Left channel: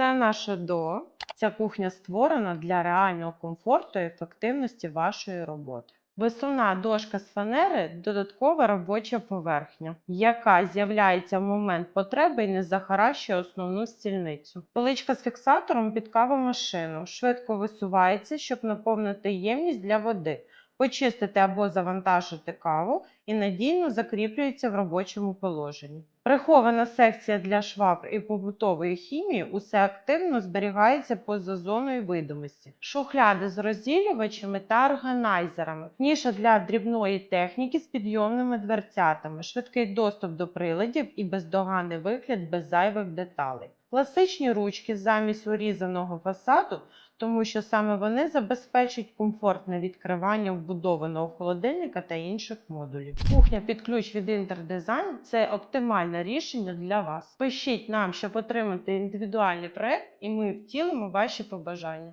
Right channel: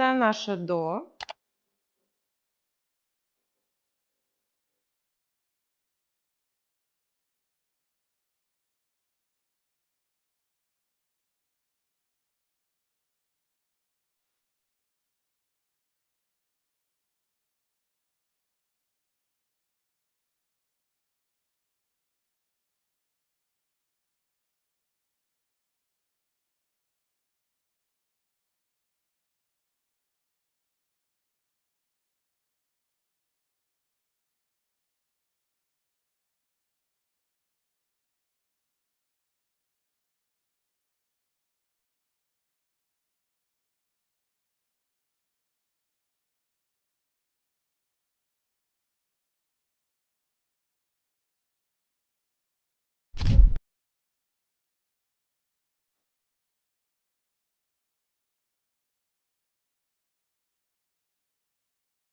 Це наше до. Ця кухня створена для реального комфорту і ефективності вашої роботи. Висувна дошка з фанери додаткова робоча поверхня, яка з'являється в момент потреби і не захаращує основну стільницю. Поличка з фіксатором під кавомашину швидко висувається, щоб наповнити ємність для води, почистити або завантажити каву і надійно закріплюється в робочому положенні. Прихована секція для швабр і побутової хімії усе активно зберігається поза зоною видимості. Шухляди з розділювачами та органайзерами, ніша для дрібної техніки з підйомними дверцятами, швидкий доступ до приладів і бездоганний вигляд без зайвих деталей. Класичні ручки замість урізаного фасаду тому що саме вони забезпечать комфортне відкривання вбудованого холодильника та інших модулів. Кухня під ключ від Інтердизайн це оптимальне рішення для вас. Пишіть нам, щоб отримати індивідуальний проект, і ми втілимо ваші побажання.